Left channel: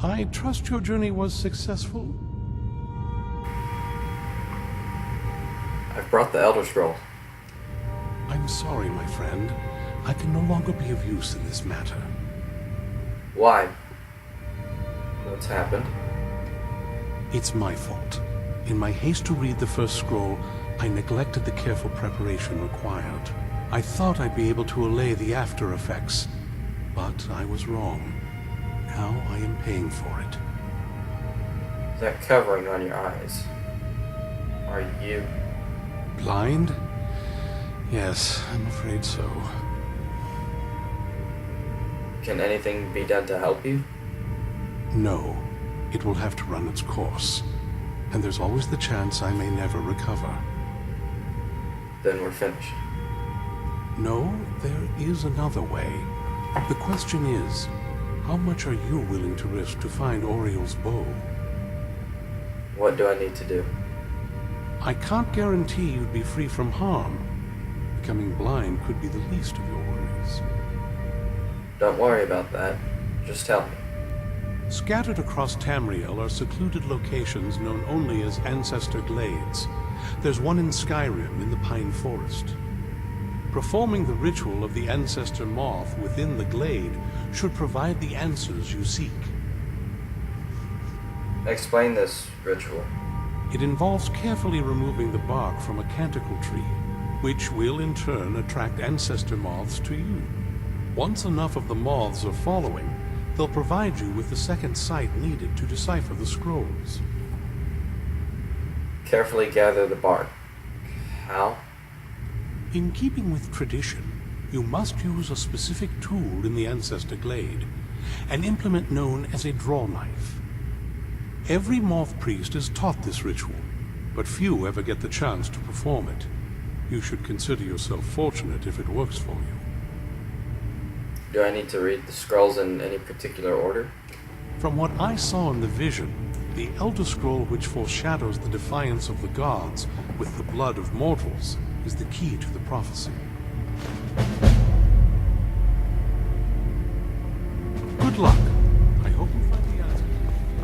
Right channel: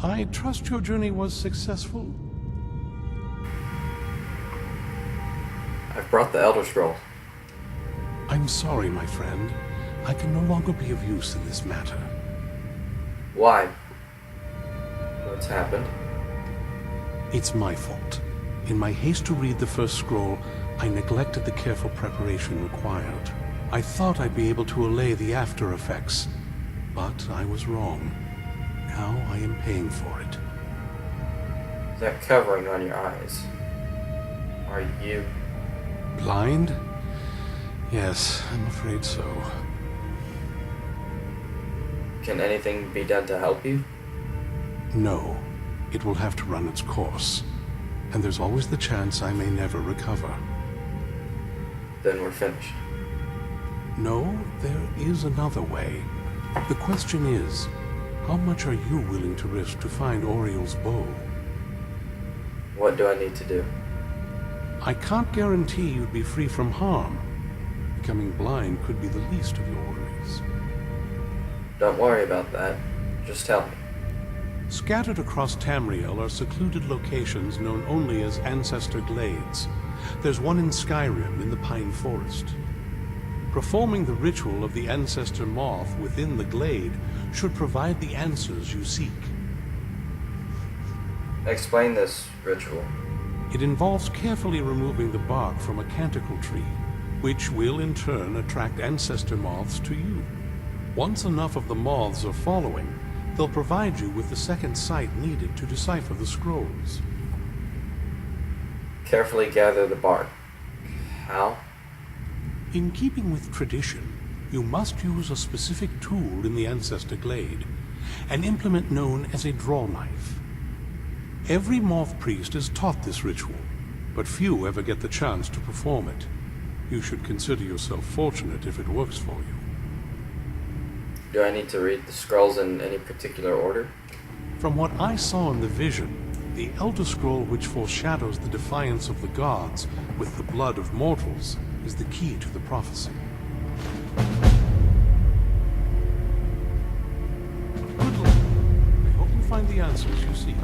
I trust your journey was successful? I've brought the Elder Scroll. I'm sorry, my friend. I can no longer be of use in this matter. Why? What's happened? It's my fault. In my haste to read the first scroll, I neglected the careful preparation required. I thought I'd be able to allay the after effects, but I was wrong. Now I am paying for it. That covering on your eyes. Are you... Blind? Yes, I'm afraid so. Can anything be done to help you? No. It will have to run its course. And there's always the chance I may never recover. Then we're finished. No, there is another way. The question is, how much are you willing to risk to find Oriel's bow? What do I need to do? I can't guarantee you'd be free from harm. Becoming blind could be the least of your worries. Don't worry about that. Just tell me. Scattered across Tamriel are secluded locations known only as Ancestor Glades. There's one in Skyrim in the Pine Forest. Performing the ritual of the Ancestor Moth within the glade should provide the answers you seek. Explain this ritual. It involves carefully removing the bark from a canticle tree, which will in turn attract ancestor moths to you. Once enough of the moths are following, they'll provide you with the second sight needed to decipher the scrolls. Carefully gather the bark. How? In keeping with tradition, you must use a specific tool in the Ancestor Glade, an implement known as a draw knife. Every moth priest is taught this ritual, but few ever get the chance to perform it. You should consider yourself fortunate if it works for you. Do I need to read the scrolls in any particular order? From what I saw in the vision, the Elder Scroll which foreshadows the defiance of the gods with the blood of mortals is the key to the prophecy. Good luck. I hope you find the answers you seek.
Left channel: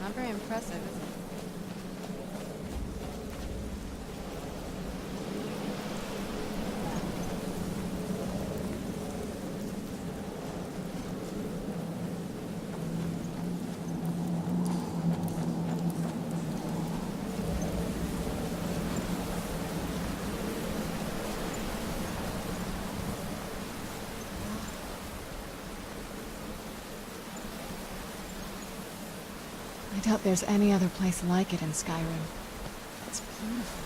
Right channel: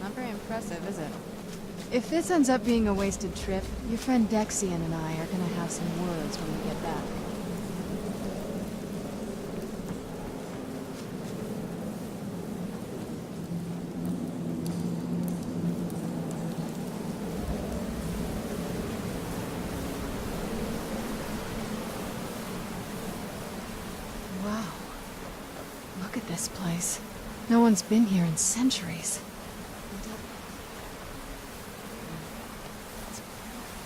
Not very impressive, is it? If this ends up being a wasted trip, your friend Dexian and I are gonna have some words when we get back. Wow. Look at this place. No one's been here in centuries. I doubt there's any other place like it in Skyrim. It's beautiful.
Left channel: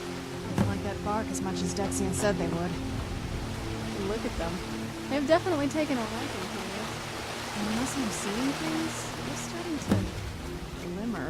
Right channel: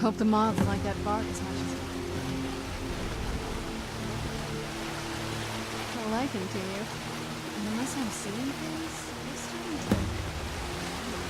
Hope the moths like that bark as much as Dexian said they would. Look at them. They've definitely taken a liking to you. And unless I'm seeing things, they're starting to glimmer.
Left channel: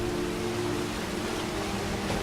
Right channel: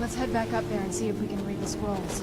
Let's head back up there and see if we can get the scrolls.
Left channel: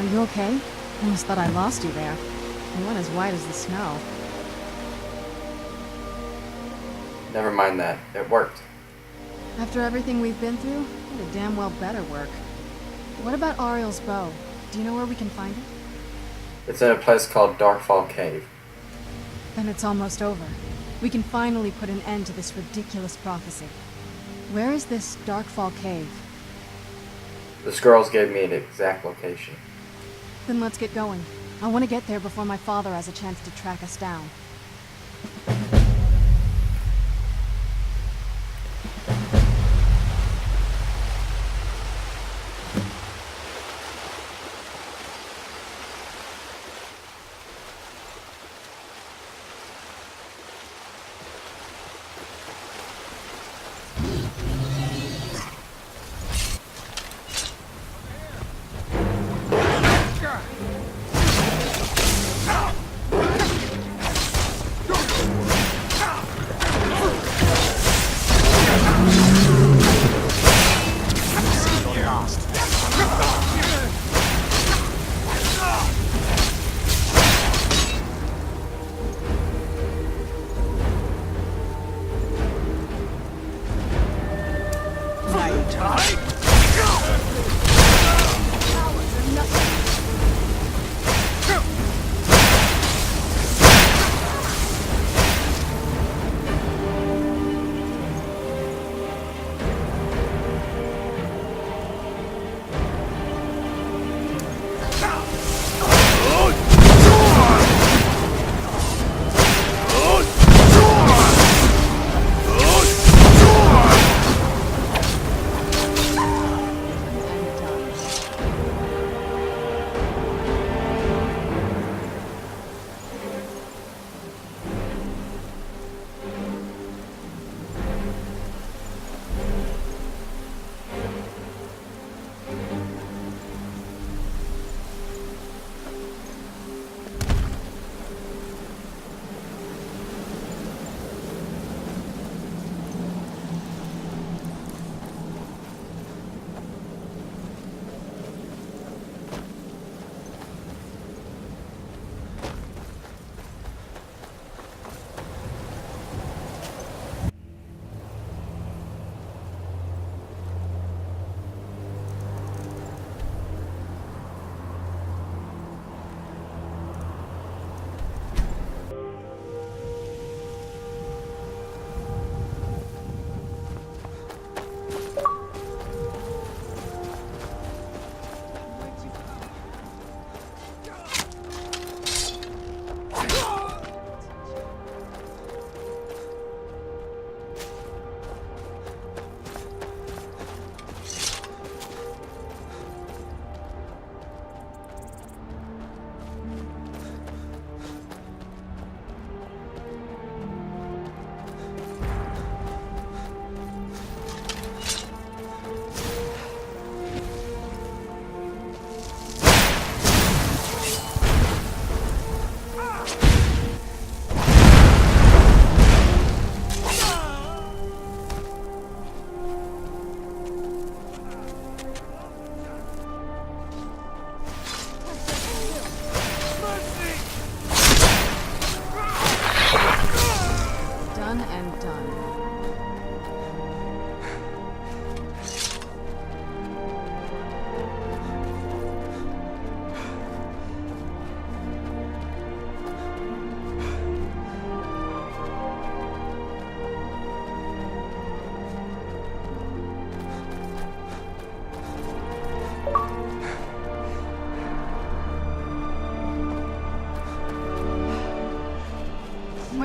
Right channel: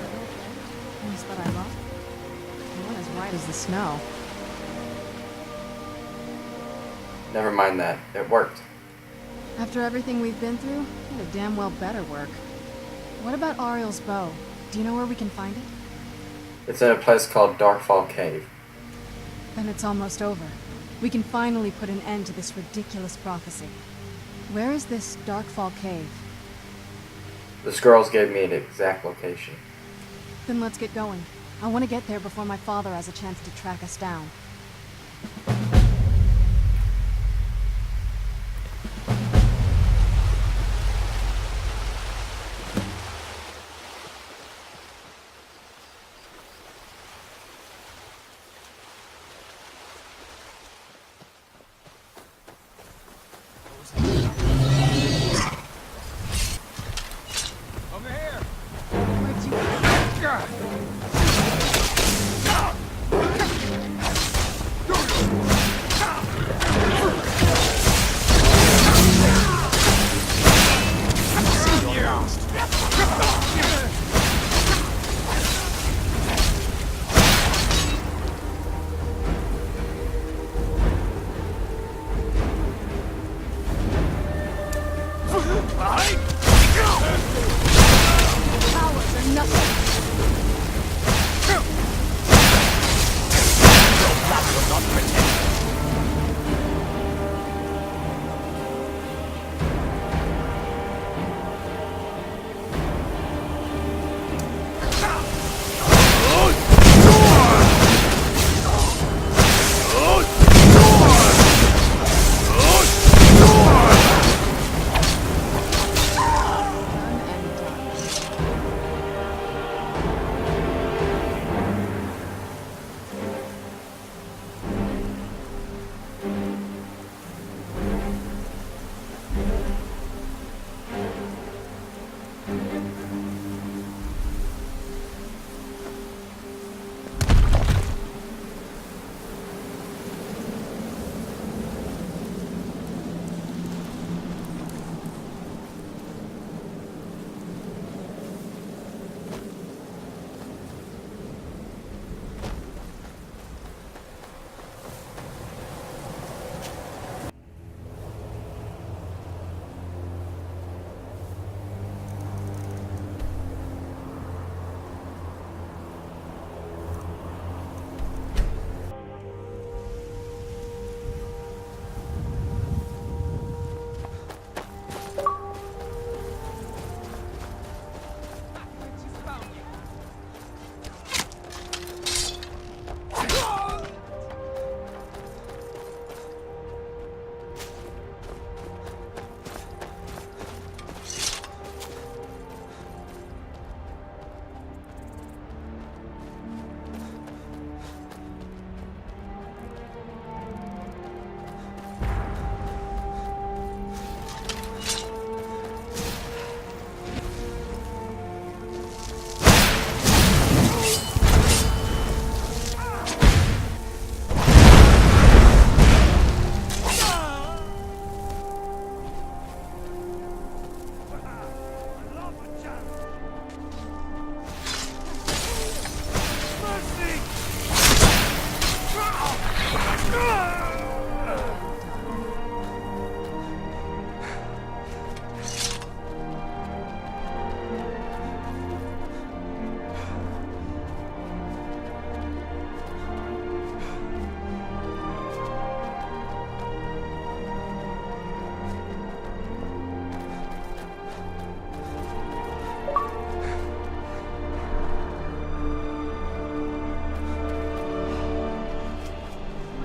Are you okay? Almost thought I lost you there. You went as white as the snow. Never mind that. It worked. After everything we've been through, it'd damn well better work. What about Ariel's bow? Do you know where we can find it? It's in a place called Darkfall Cave. Then it's almost over. We can finally put an end to this ridiculous prophecy. Where is this Darkfall Cave? The scrolls gave me an exact location. Then let's get going. I want to get there before my father has a chance to track us down.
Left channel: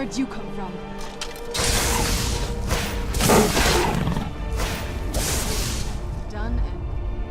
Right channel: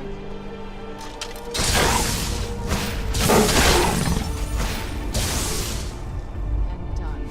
Where'd you come from? Done and done.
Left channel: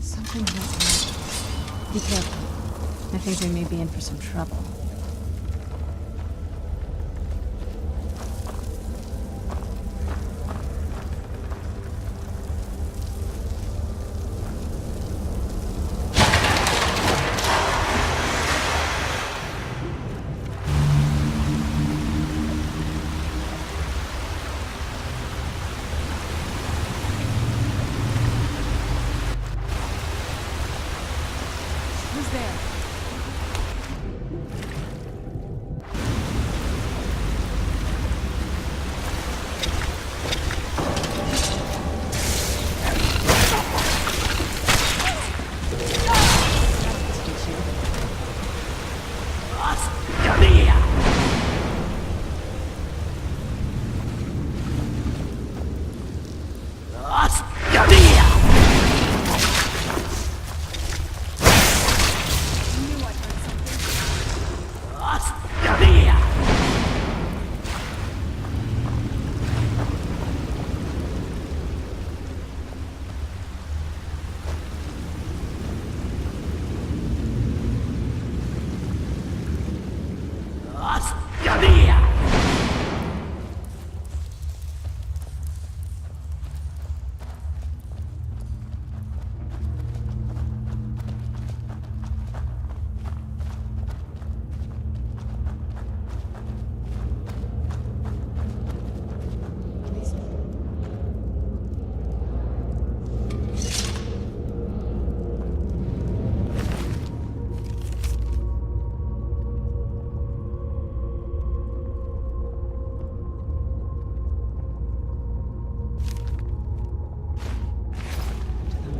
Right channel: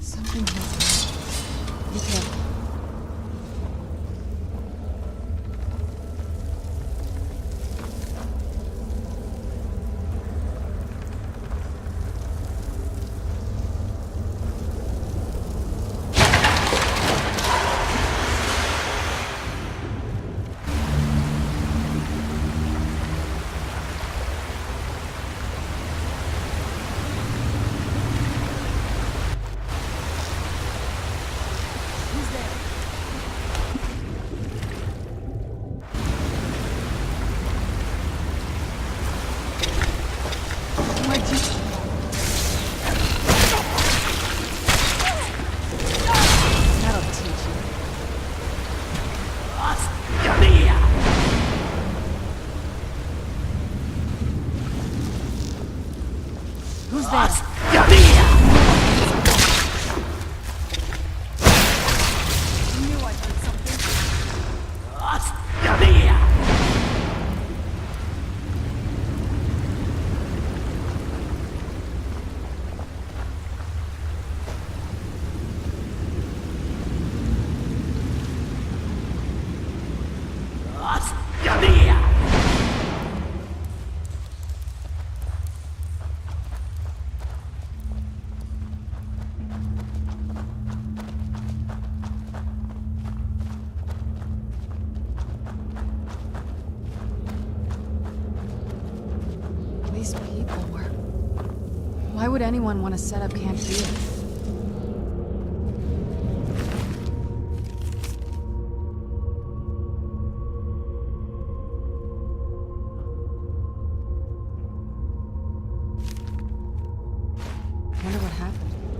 Something has happened. Be careful. I think they may be in for some trouble. Who's there? Where'd you come from? That'll teach you. Who's there? I knew I heard something. These people were... Why would anyone want to set up camp here? Whatever happened to them?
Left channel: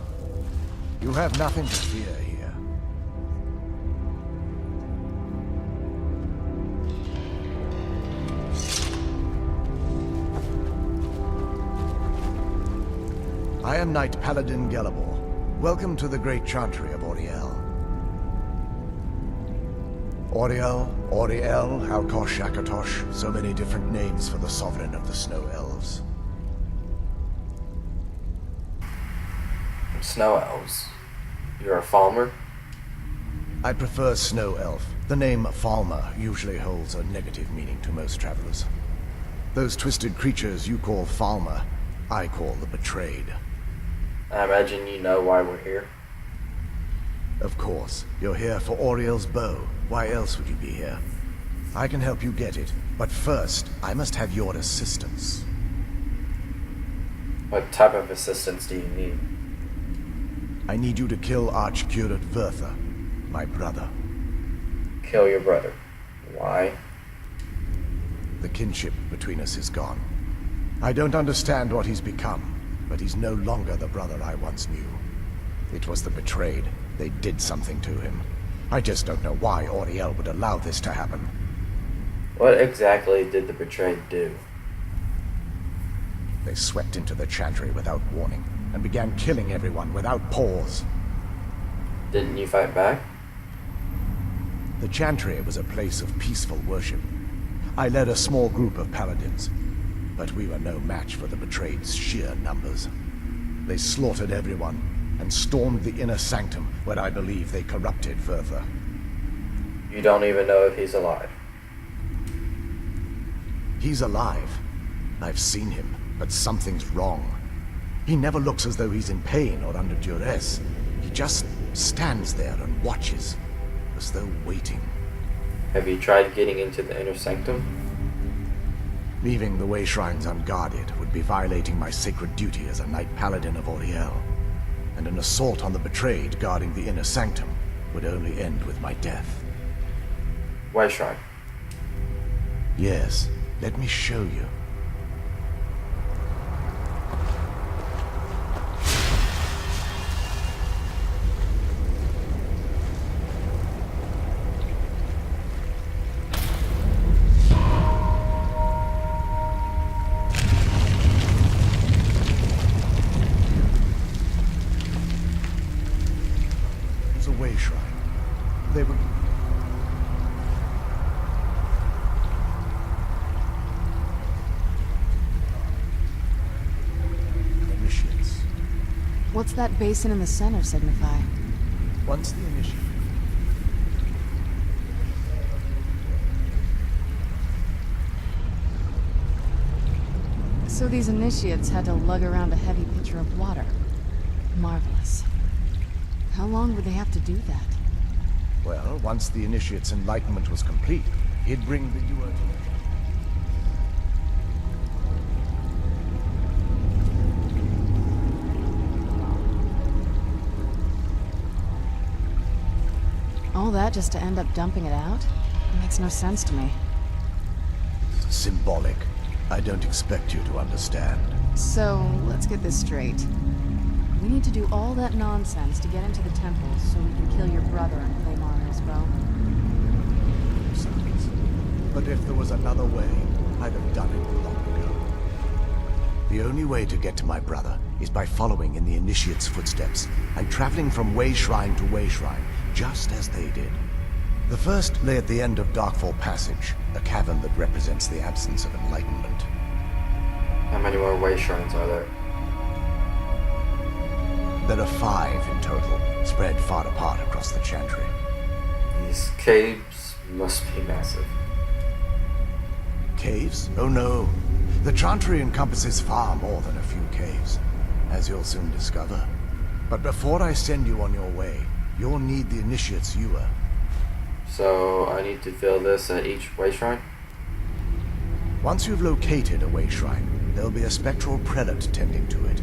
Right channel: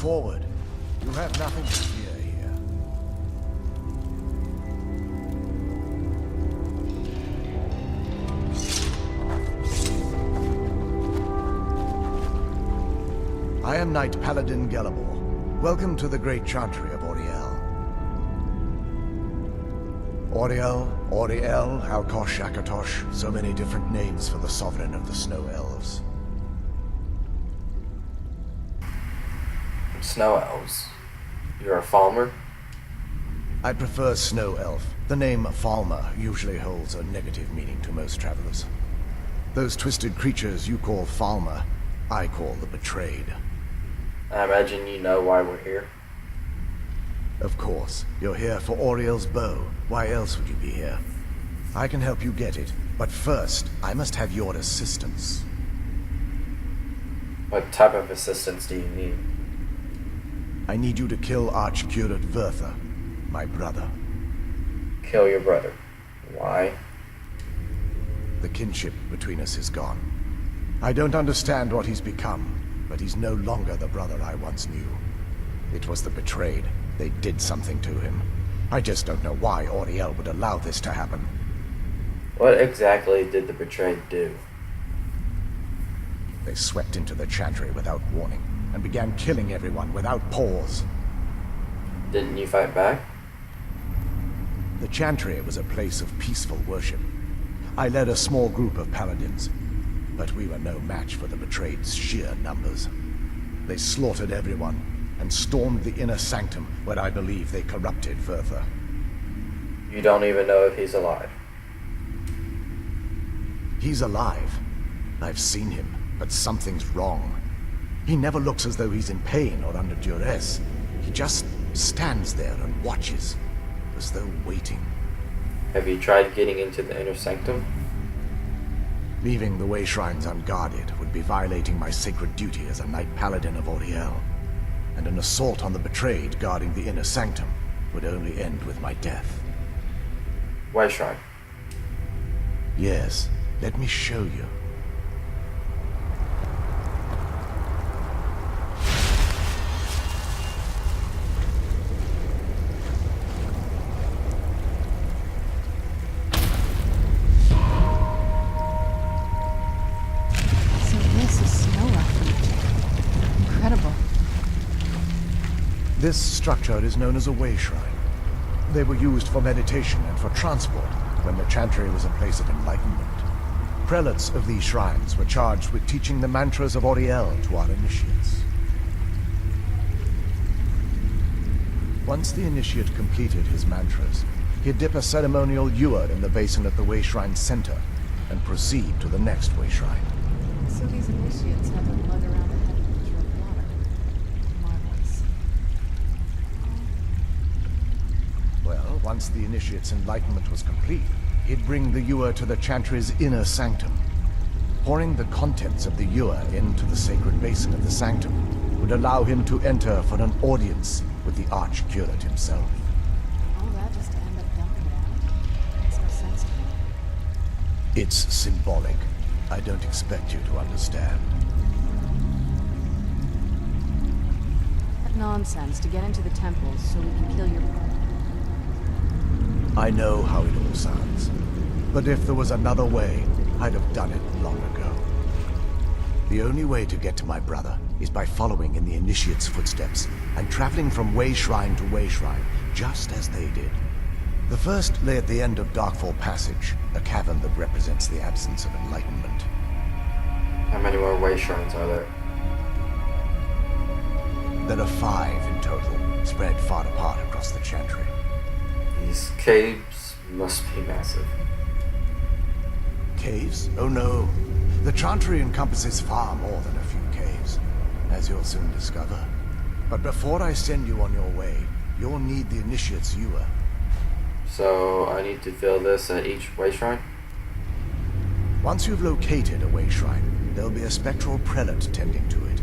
forward. You have nothing to fear here. I am Knight Paladin Gelabor. Welcome to the Great Chantry of Auriel. Auriel, Auriel, Alkosh, Akatosh, so many different names for the sovereign of the Snow Elves. Snow elves. You're a farmer? I prefer Snow Elf. The name Falmer usually holds a negative meaning to most travelers. Those twisted creatures you call Falmer, I call the Betrayed. I imagine you know why we're here. Of course. You're here for Auriel's bow. Why else would you be here? I can help you get it, but first, I must have your assistance. What type of assistance do you need? I need you to kill Archcurate Vertha, my brother. Kill your brother. Why? The kinship between us is gone. I don't understand what he's become, but he's no longer the brother I once knew. It was the Betrayed. They did something to him. I just don't know why Auriel would allow this to happen. What exactly did the Betrayed do? They swept into the Chantry without warning, and began killing everyone without pause. Didn't you fight back? The Chantry was a place of peaceful worship. I led a small group of paladins, but we were no match for the Betrayed's sheer numbers. They slaughtered everyone, and stormed the inner sanctum where I believe they corrupted Vertha. You don't even know if he's alive. He's alive. I've seen him, but something's wrong. He never looks as though he's in pain or under duress. He just stands there and watches, as though waiting. Have you tried getting into the inner sanctum? Leaving the way shrines unguarded would be violating my sacred duty as a Knight Paladin of Auriel. And an assault on the Betrayed guarding the inner sanctum would only end with my death. Why shrine? Yes, let me show you. This structure is known as a way shrine. They were used for meditation and for transport when the Chantry was a place of enlightenment. Prelates of these shrines were charged with teaching the mantras of Auriel to our initiates. What's that basin in the center signify? Once the initiate completed his mantras, he'd dip a ceremonial ewer in the basin at the way shrine's center and proceed to the next way shrine. So these initiates had to lug around a heavy pitcher of water. Marvelous. How long would they have to do that? Well, once the initiate's enlightenment was complete, he'd bring the ewer to the Chantry's inner sanctum. Pouring the contents of the ewer into the sacred basin of the sanctum would allow him to enter for an audience with the Archcurate himself. All that just to end up dumping it out? It makes no sense to me. It's symbolic. I don't expect you to understand. So, let's get this straight. We need to do all that nonsense to get into the temples so we can kill your brother and claim honor as well. I know how it all sounds. But if there was another way, I'd have done it long ago. The only way to get to my brother is by following in the Initiate's footsteps and traveling from way shrine to way shrine, just as they did. The first lay at the end of Darkfall Passage, a cavern that represents the absence of enlightenment. How many more way shrines are there? There are 5 in total, spread far apart across the Chantry. These caves must be massive. Caves? Oh no. The Chantry encompasses far more than a few caves, as you'll soon discover. But before I send you on your way, you'll need the Initiate's ewer. So I need to fill this at each way shrine? Once you've located a way shrine, there'll be a spectral prelate tending to it.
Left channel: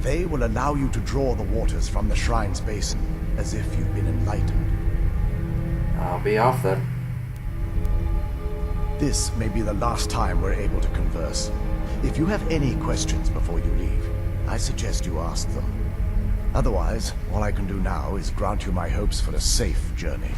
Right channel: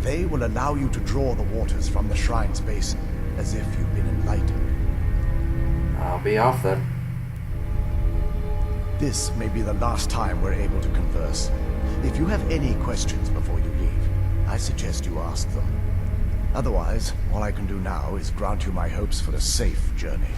They will allow you to draw the waters from the shrine's basin, as if you've been enlightened. I'll be off then. This may be the last time we're able to converse. If you have any questions before you leave, I suggest you ask them. Otherwise, all I can do now is grant you my hopes for a safe journey.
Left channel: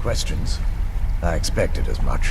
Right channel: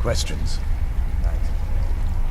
Questions? I expected as much.